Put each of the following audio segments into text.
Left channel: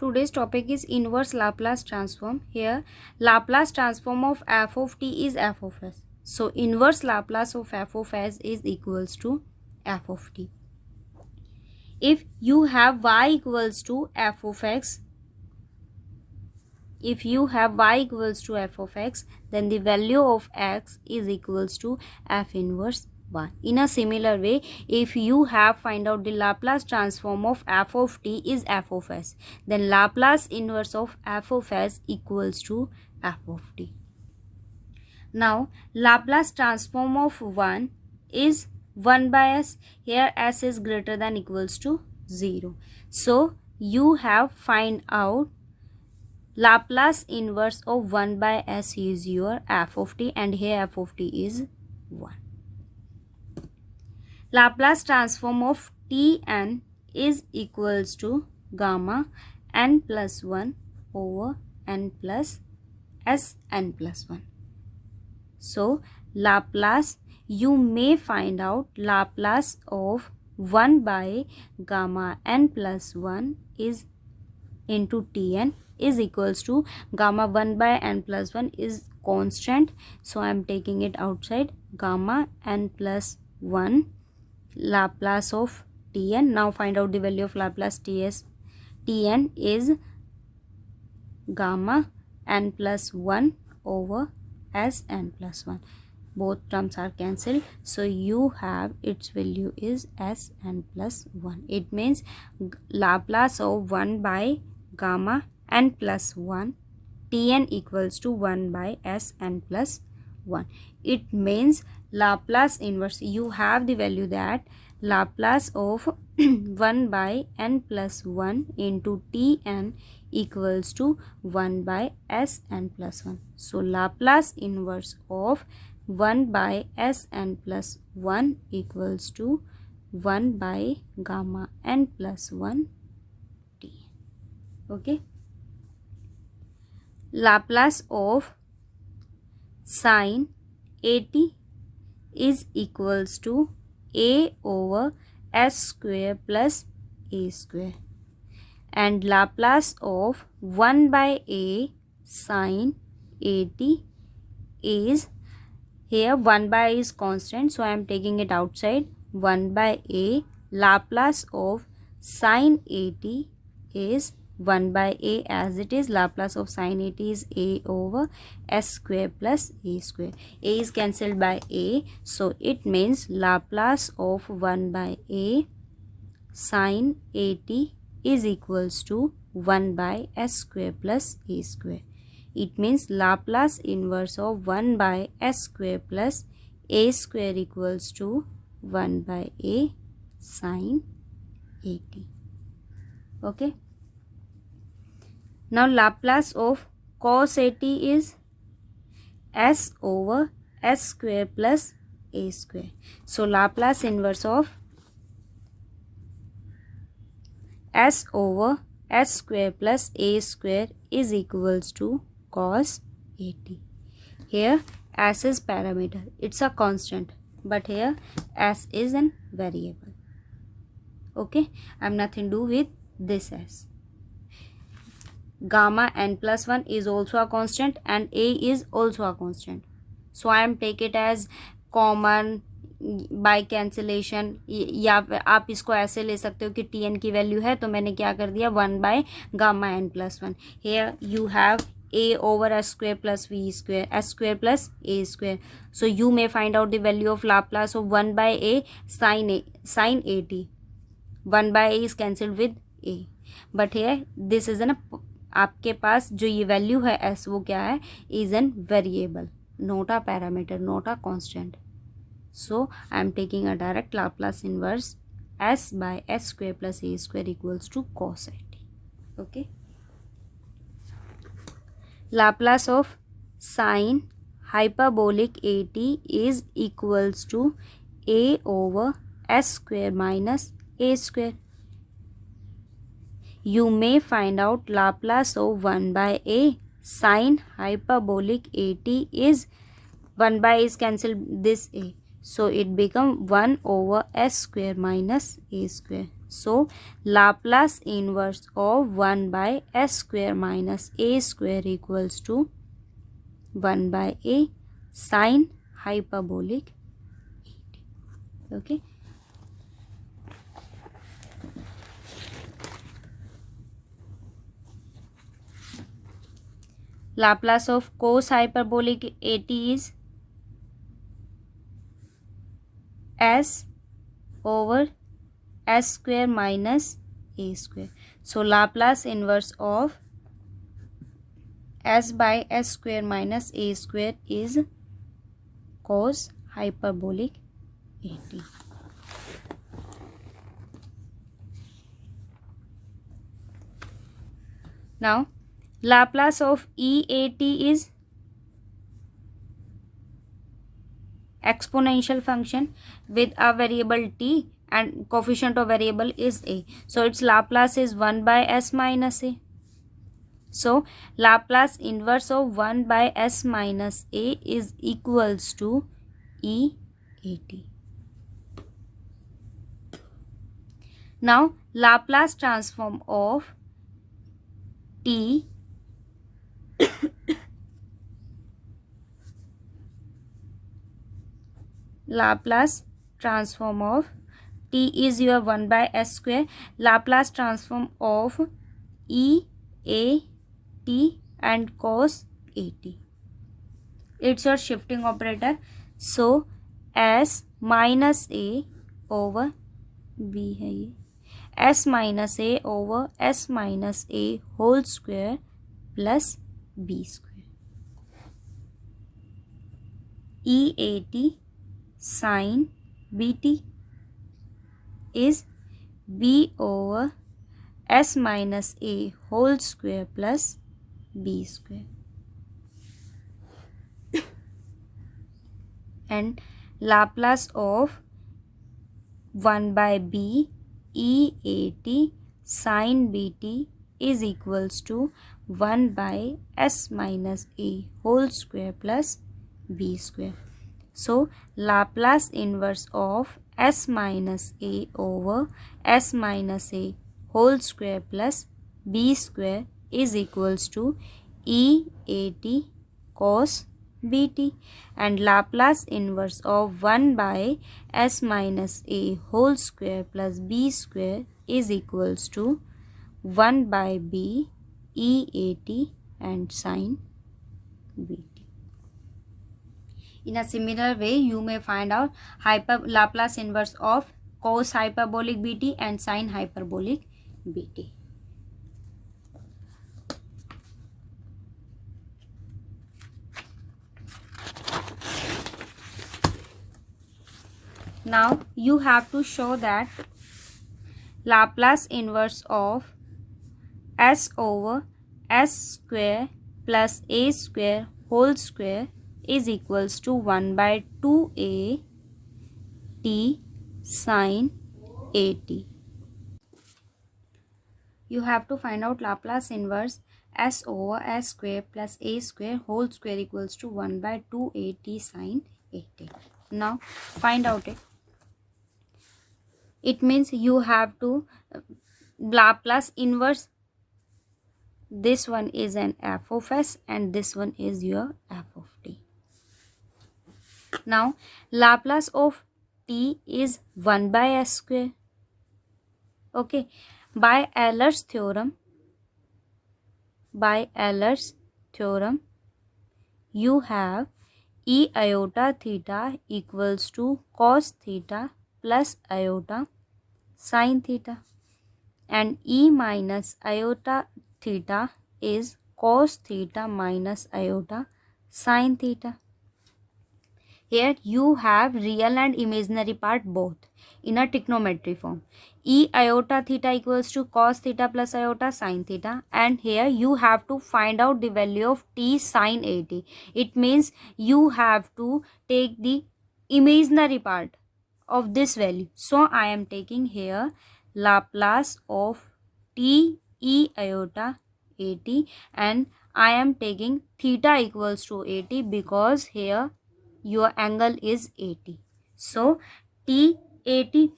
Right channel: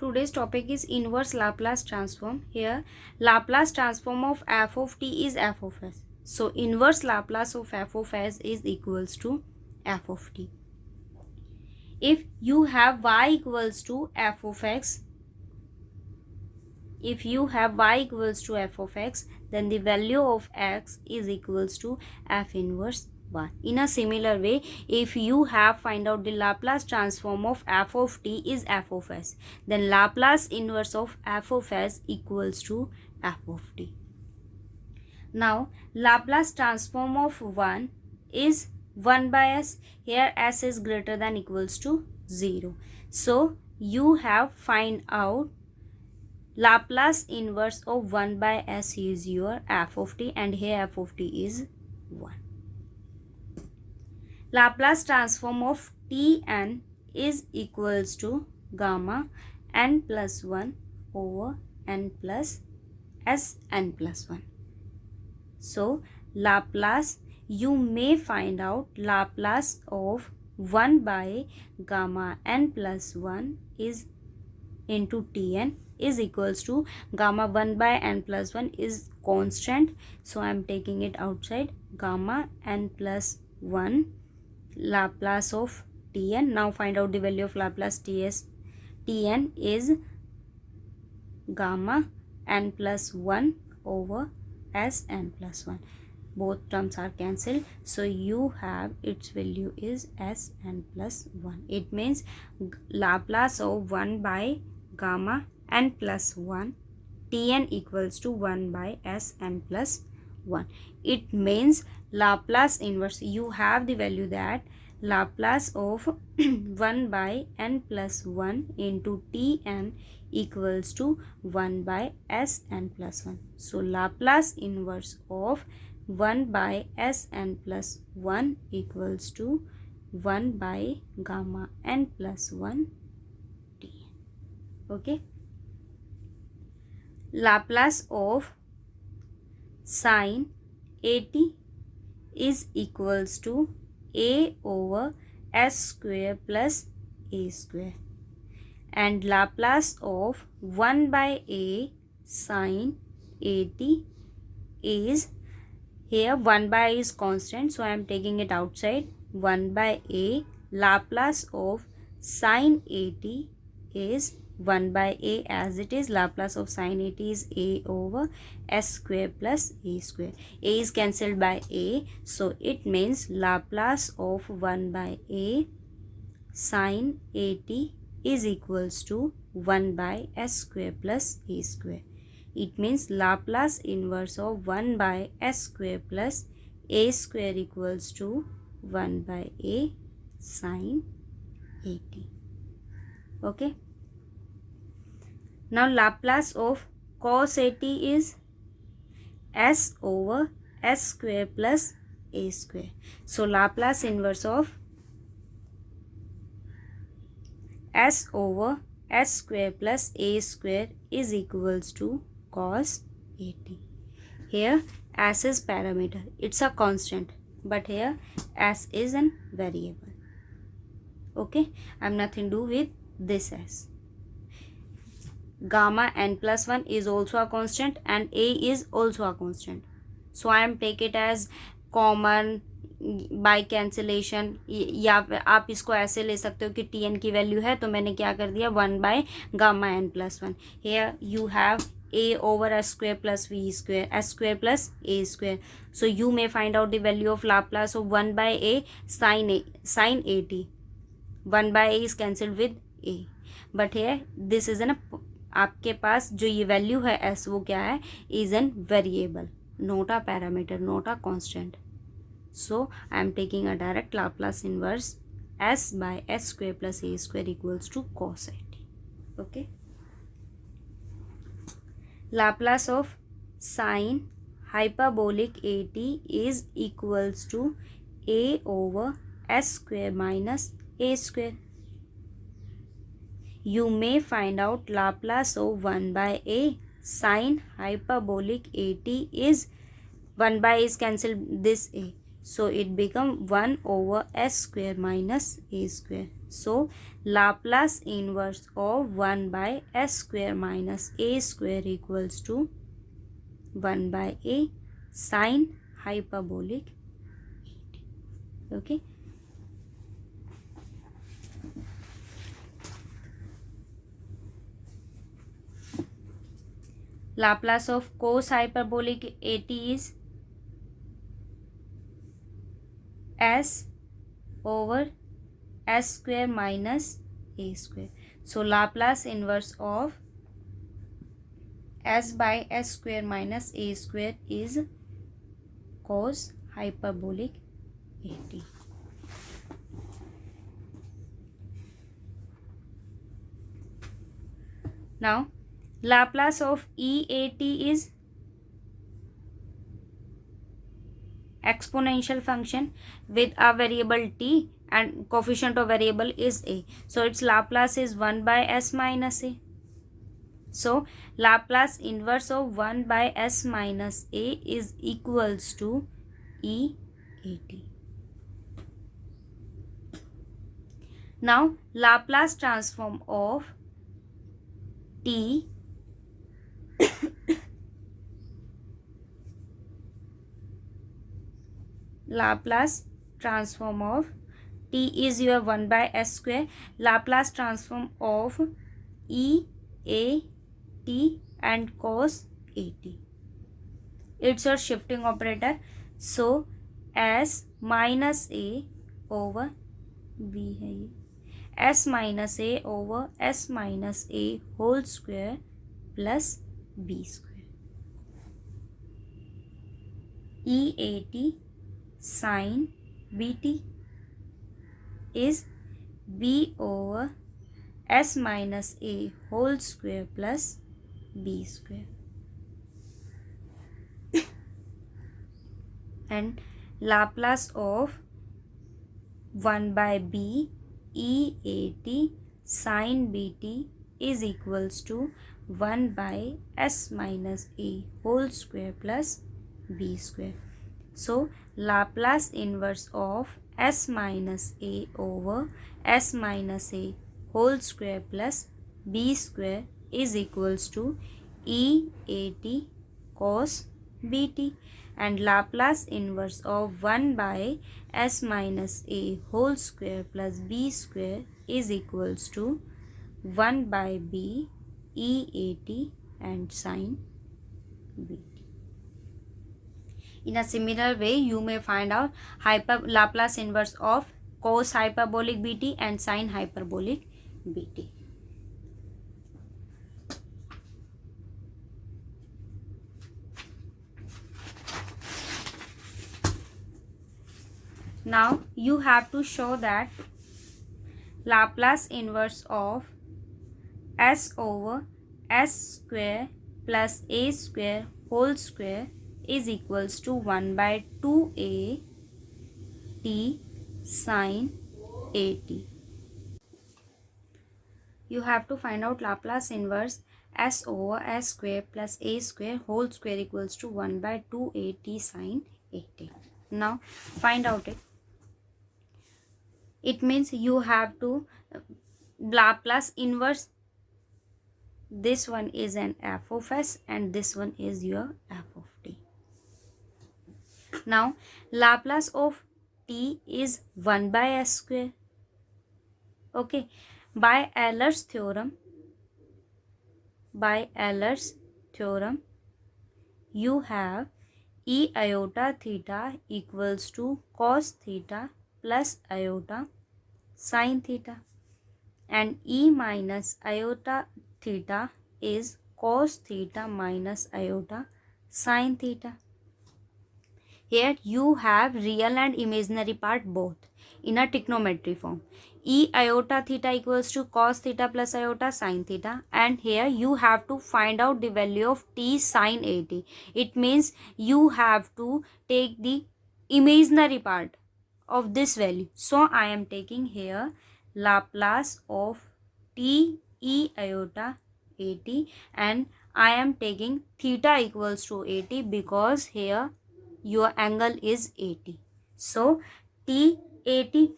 Today's topic is inverse Laplace transform. Here, Laplace transform of f of t is f of s. So, inverse Laplace of f of s is equals to f of t. If you have y equals to f of x, then the value of x is equals to f inverse 1. In a similar way, if you have find out the Laplace transform of f of t is f of s, then Laplace inverse of f of s equals to f of t. Now, Laplace transform of 1 is 1 by s. Here s is greater than equals to 0. So, you have find out Laplace inverse of 1 by s is your f of t, and here f of t is 1. Laplace transform of Tn is equals to gamma n plus 1 over n plus Sn plus 1. So, Laplace, you may find out Laplace of 1 by gamma n plus 1 is into Tn is equals to gamma 1 by n plus 1 is constant. So, I am taking it outside. Gamma n plus 1 Laplace of Tn. Now, find out the value of Laplace Tn is gamma n plus 1 over Sn plus 1. Both terms are cancelled. So, you have its value is Sn plus 1. It means Laplace of 1 by gamma n plus 1 Tn equals to 1 by Sn plus 1. It means Laplace inverse, you have the value that Laplace of 1 by n plus 1 into Tn equals to 1 by Sn plus 1. So, Laplace inverse of 1 by Sn plus 1 equals to 1 by gamma n plus 1 Tn. Okay. Laplace of sin at is equals to a over s square plus a square, and Laplace of 1 by a sin at is, here 1 by is constant, so I am taking it outside. 1 by a Laplace of sin at is 1 by a as it is. Laplace of sin at is a over s square plus a square. A is cancelled by a, so it means Laplace of 1 by a sin at is equals to 1 by s square plus a square. It means Laplace inverse of 1 by s square plus a square equals to 1 by a sin at. Okay. Now, Laplace of cos at is s over s square plus a square. So, Laplace inverse of s over s square plus a square is equals to cos at. Here s is parameter, it's a constant, but here s is an variable. Okay, I have nothing to do with this s. Gamma n plus 1 is also a constant and a is also a constant. So I am take it as common by cancellation, या आप इसको ऐसे ले सकते हो कि T N की value है तो मैंने क्या कर दिया 1 by gamma n plus 1. Here you have a over s square plus v square, s square plus a square. So you may find out the value of Laplace of 1 by a sin at. 1 by a is cancelled with a, but here this is an आपके पास जो ये value है s वो क्या है, is an variable, not a parameter, not a constant. So I am taking a direct Laplace inverse s by s square plus a square equals to cos at. Okay. Laplace of sin hyperbolic at is equals to a over s square minus a square. You may find out Laplace of 1 by a sin hyperbolic at is 1 by is cancelled this a. So it become 1 over s square minus a square. So Laplace inverse of 1 by s square minus a square equals to 1 by a sine hyperbolic. Okay. Laplace of cos hyperbolic 80 is s over s square minus a square. So Laplace inverse of s by s square minus a square is cos hyperbolic 80. Now Laplace of E80 is exponential function with a variable t and coefficient of variable is a. So its Laplace is 1 by s minus a. So Laplace inverse of 1 by s minus a is equals to E80. Now Laplace transform of t Laplace transform of t is your 1 by s square. Laplace transform of e a t and cos a t. It's your shifting operator. So s minus a over b है ये s minus a over s minus a whole square plus b square. E80 sin bt is b over s minus a whole square plus b square. And Laplace of 1 by b E80 sin bt is equals to 1 by s minus a whole square plus b square. So Laplace inverse of s minus a over s minus a whole square plus b square is equals to E80 cos bt, and Laplace inverse of 1 by s minus a whole square plus b square is equals to 1 by b E80 and sin bt. In a similar way, you may find out Laplace inverse of cos hyperbolic bt and sin hyperbolic bt. Now you have to show that Laplace inverse of s over s square plus a square whole square is equals to 1 by 2a t sin at. You have to find out Laplace inverse s over s square plus a square whole square equals to 1 by 2at sin 8. Now find out it. It means you have to Laplace inverse. This one is an f of s and this one is your f of t. Now Laplace of t is 1 by s square. Okay. By Euler's theorem, you have e iota theta equals to cos theta plus iota sin theta, and e minus iota theta is cos theta minus iota sin theta. Here you have real and imaginary part both in a trigonometry form. E iota theta equals to cos theta plus iota sin theta, and here you have to find out the value of t sin 80. It means you have to take the imaginary part of this value. So I am taking here Laplace of t e iota 80, and I am taking theta equals to 80 because here your angle is 80. So t 80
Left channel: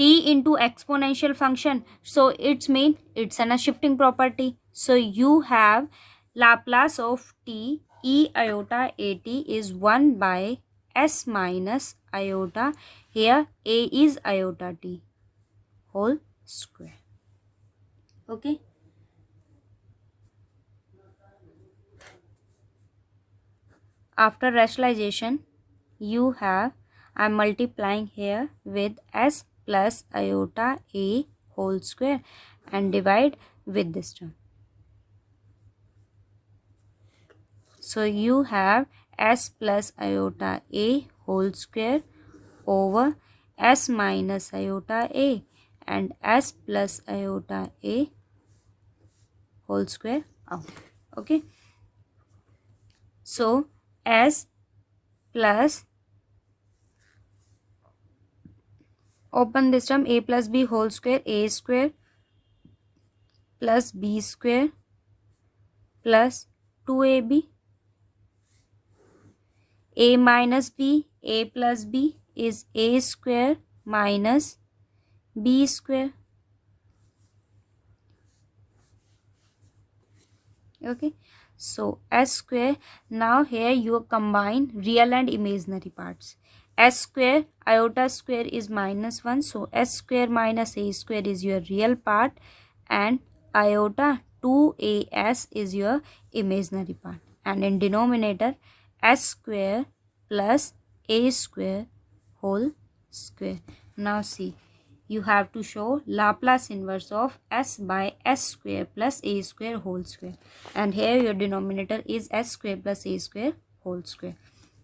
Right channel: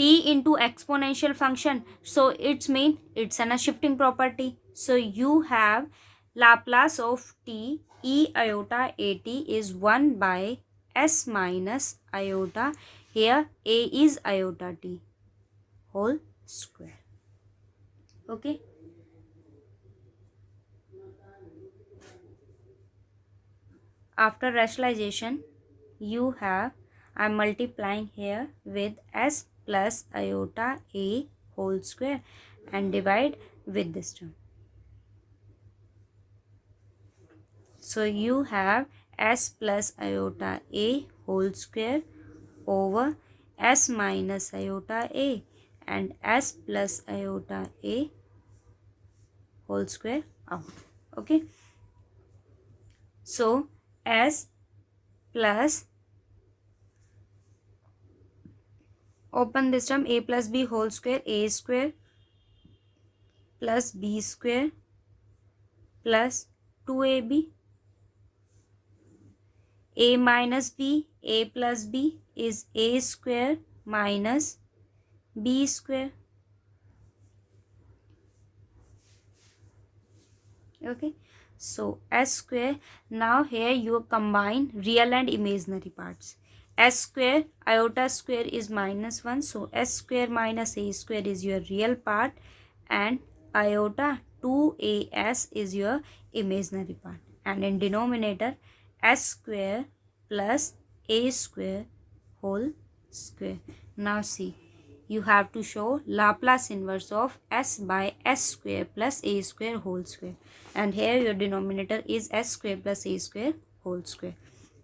t into exponential function, so it's mean it's a shifting property. So you have Laplace of t e iota at is 1 by s minus iota, here a is iota t whole square. Okay. After rationalization, you have, I'm multiplying here with s plus iota a whole square and divide with this term. So you have s plus iota a whole square over s minus iota a and s plus iota a whole square out. Okay. So s plus, open this term, a plus b whole square, a square plus b square plus 2ab, a minus b, a plus b is a square minus b square. Okay, so s square. Now here you combine real and imaginary parts. S square iota square is minus 1, so s square minus a square is your real part and iota 2as is your imaginary part, and in denominator s square plus a square whole square. Now see, you have to show Laplace inverse of s by s square plus a square whole square, and here your denominator is s square plus a square whole square.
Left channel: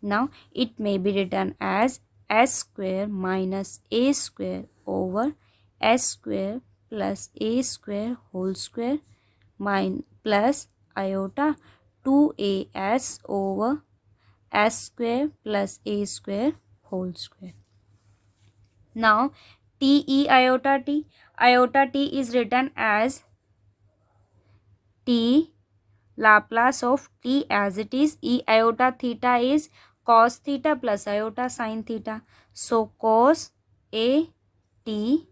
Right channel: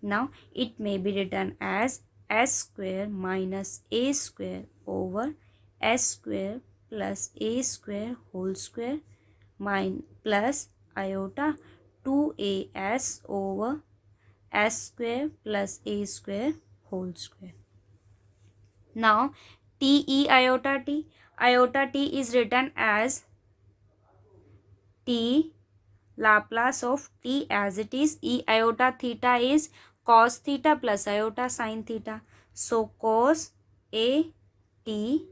Now it may be written as s square minus a square over s square plus a square whole square plus iota 2as over s square plus a square whole square. Now t e iota t is written as t Laplace of t as it is. E iota theta is cos theta plus iota sin theta. So cos a t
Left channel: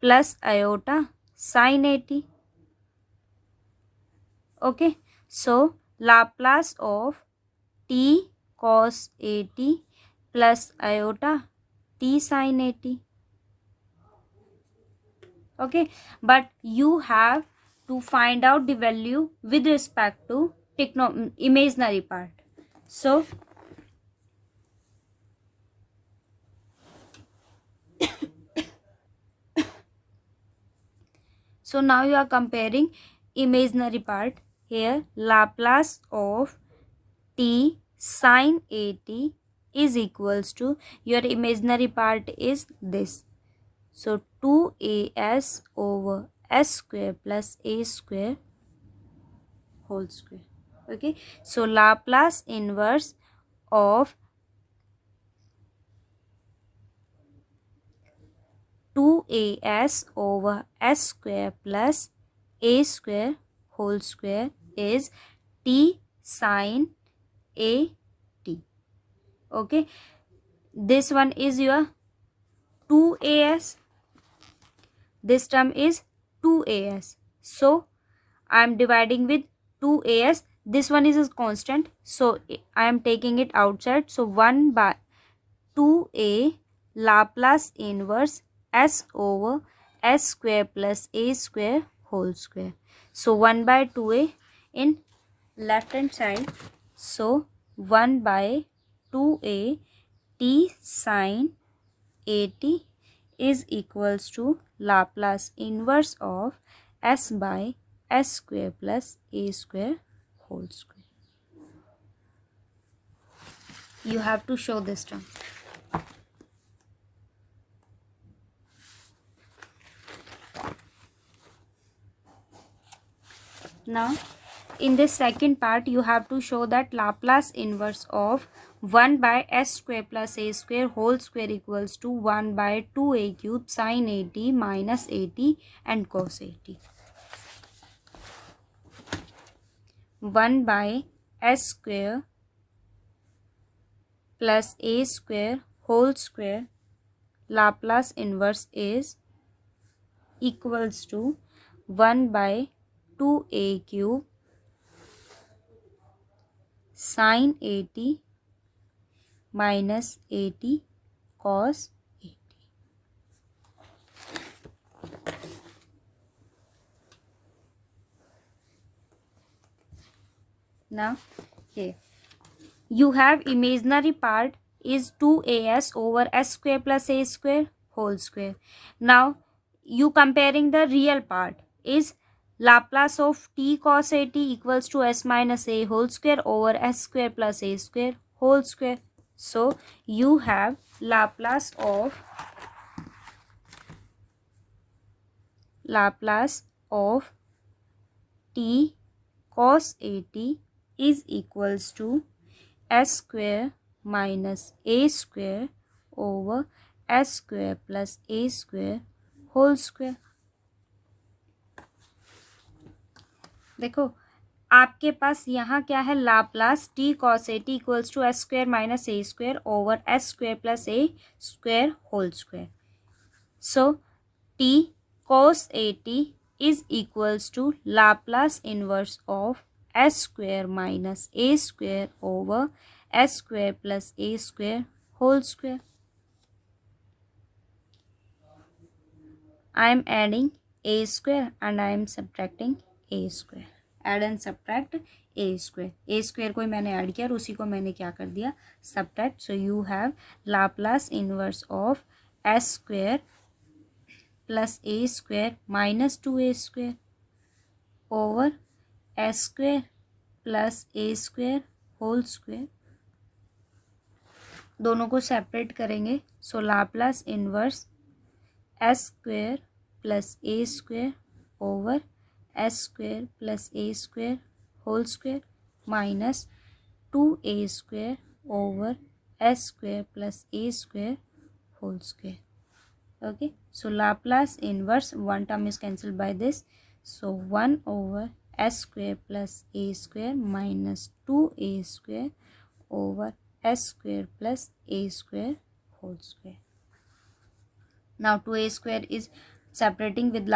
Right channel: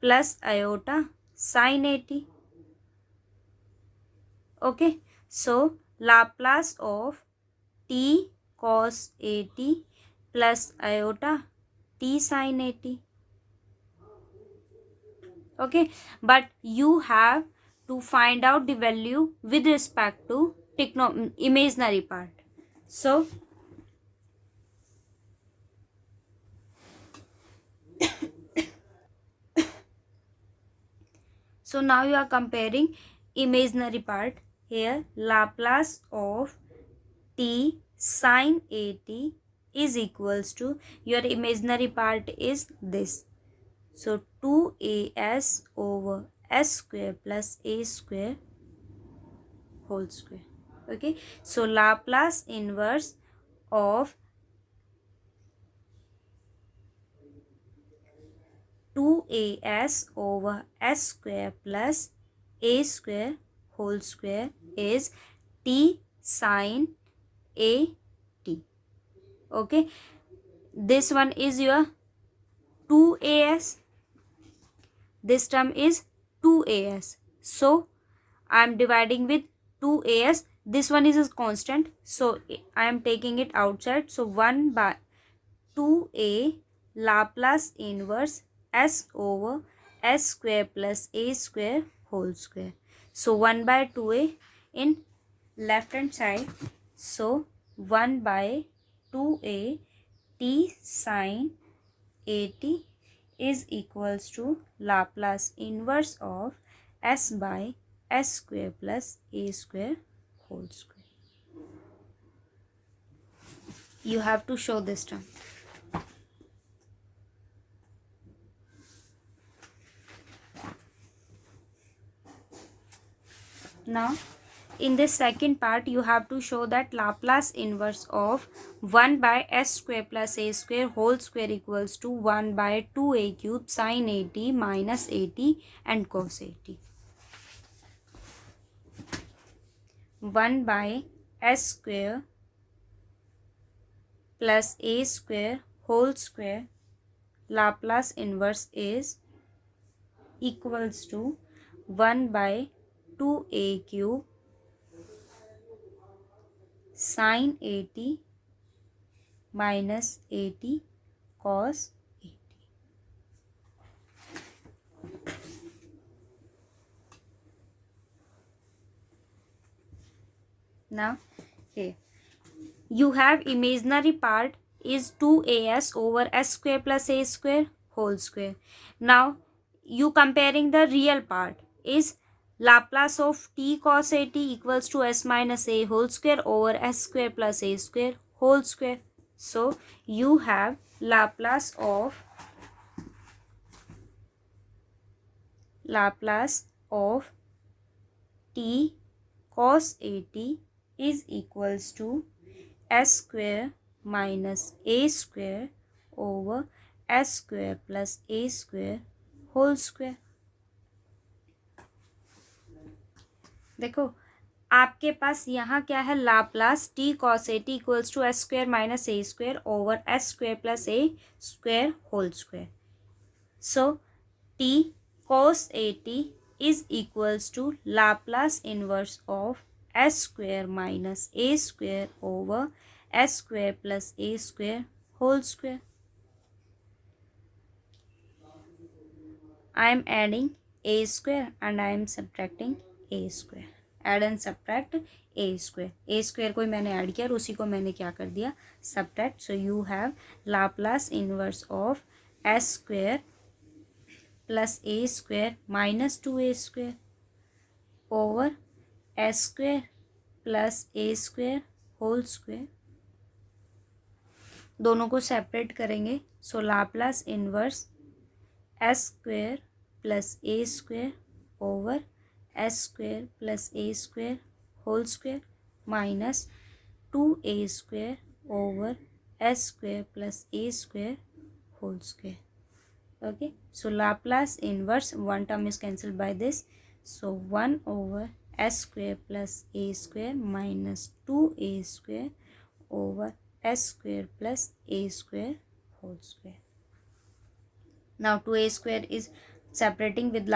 plus iota sin a t. Okay. So Laplace of t cos a t plus iota t sin a t. Okay, but you have to find out the value with respect to imaginary part. So now you are comparing imaginary part. Here Laplace of t sin a t is equals to, your imaginary part is this, so 2as over s square plus a square whole square. Okay, so Laplace inverse of 2as over s square plus a square whole square is t sin a t. Okay, this one is your 2as, this term is 2as, so I am dividing with 2as. This one is a constant, so I am taking it outside, so 1 by 2a Laplace inverse s over s square plus a square whole square. So 1 by 2a in left hand side, so 1 by 2a t sin a t is equals to Laplace inverse of s by s square plus a square whole square. You have to show this term. Now in this second part you have to show that Laplace inverse of 1 by s square plus a square whole square equals to 1 by 2a cube sin a t minus a t and cos a t. 1 by s square plus a square whole square Laplace inverse is equals to 1 by 2a cube sin 80 minus 80 cos 80. Now here you have imaginary part is 2as over s square plus a square whole square. Now you comparing the real part is Laplace of t cos 80 equals to s minus a whole square over s square plus a square whole square. So you have Laplace of t cos 80 is equals to s square minus a square over s square plus a square whole square. देखो आपके पास यहाँ क्या है, Laplace t cos 80 equals to s square minus a square over s square plus a square whole square. So t cos 80 is equals to Laplace inverse of s square minus a square over s square plus a square whole square. I am adding a square and I am subtracting a square. Add and subtract a square. A square को मैंने add किया और उसी को मैंने क्या कर दिया, subtract. So you have Laplace inverse of s square plus a square minus 2a square over s square plus a square whole square. दोनों को सेपरेट करेंगे. सो Laplace inverse s square plus a square over s square plus a square whole square minus 2a square over s square plus a square whole square. Okay, so Laplace inverse, one term is cancelled by this, so 1 over s square plus a square minus 2a square over s square plus a square whole square. Now 2a square is separating with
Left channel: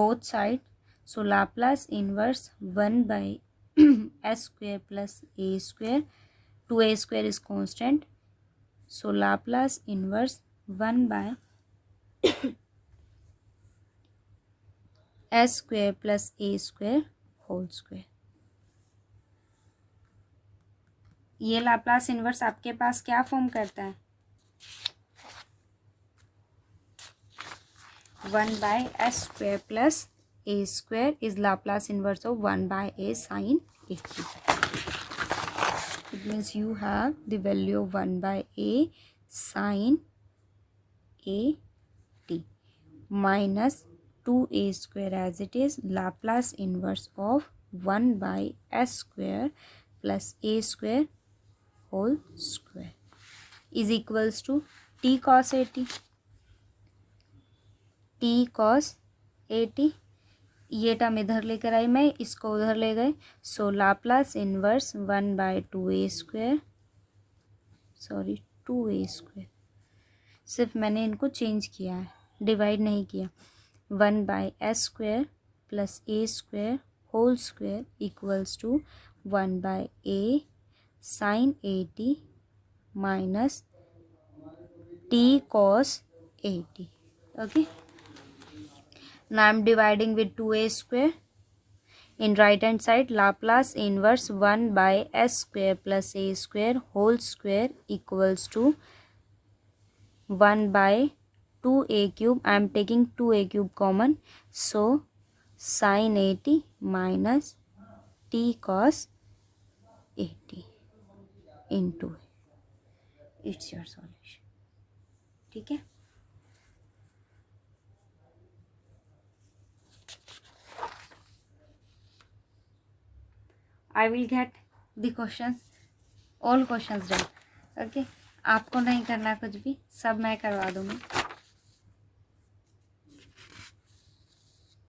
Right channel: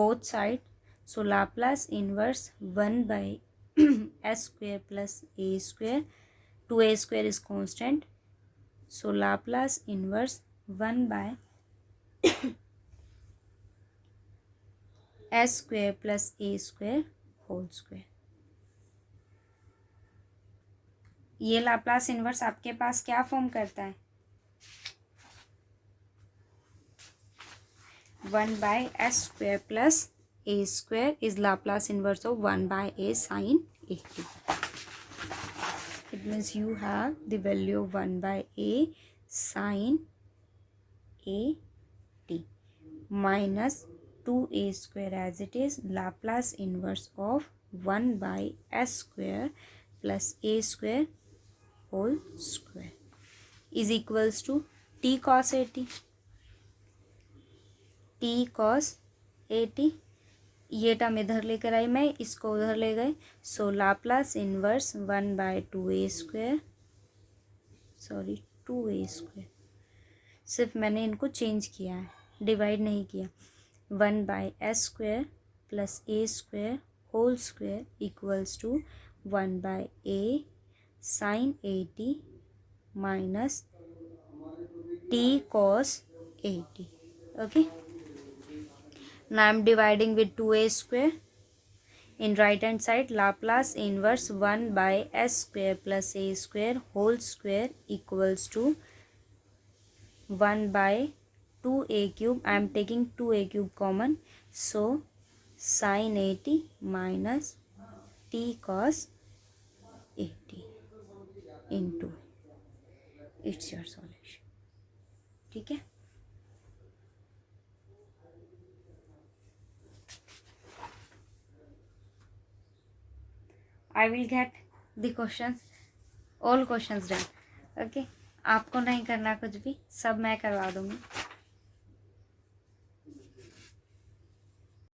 both sides, so Laplace inverse 1 by s square plus a square. 2a square is constant, so Laplace inverse 1 by s square plus a square whole square. ये Laplace inverse आपके पास क्या form करता है, 1 by s square plus a square is Laplace inverse of 1 by a sin 80. It means you have the value of 1 by a sin 80 minus 2a square as it is Laplace inverse of 1 by s square plus a square whole square is equals to t cos 80. t cos 80 ये term इधर लेकर आई मैं, इसको उधर ले गए, so Laplace inverse 1 by 2a square, sorry 2a square, सिर्फ मैंने इनको चेंज किया है, डिवाइड नहीं किया. 1 by s square plus a square whole square equals to 1 by a sine 80 minus t cos 80. Okay. Now I am dividing with 2a square. In right hand side, Laplace inverse 1 by s square plus a square whole square equals to 1 by 2a cube. I am taking 2a cube common. So sin 80 minus t cos 80 into. It's your solution. ठीक है. I will get the questions, all questions done. Okay, आपको नहीं करना कुछ भी, सब मैं करवा दूँगी.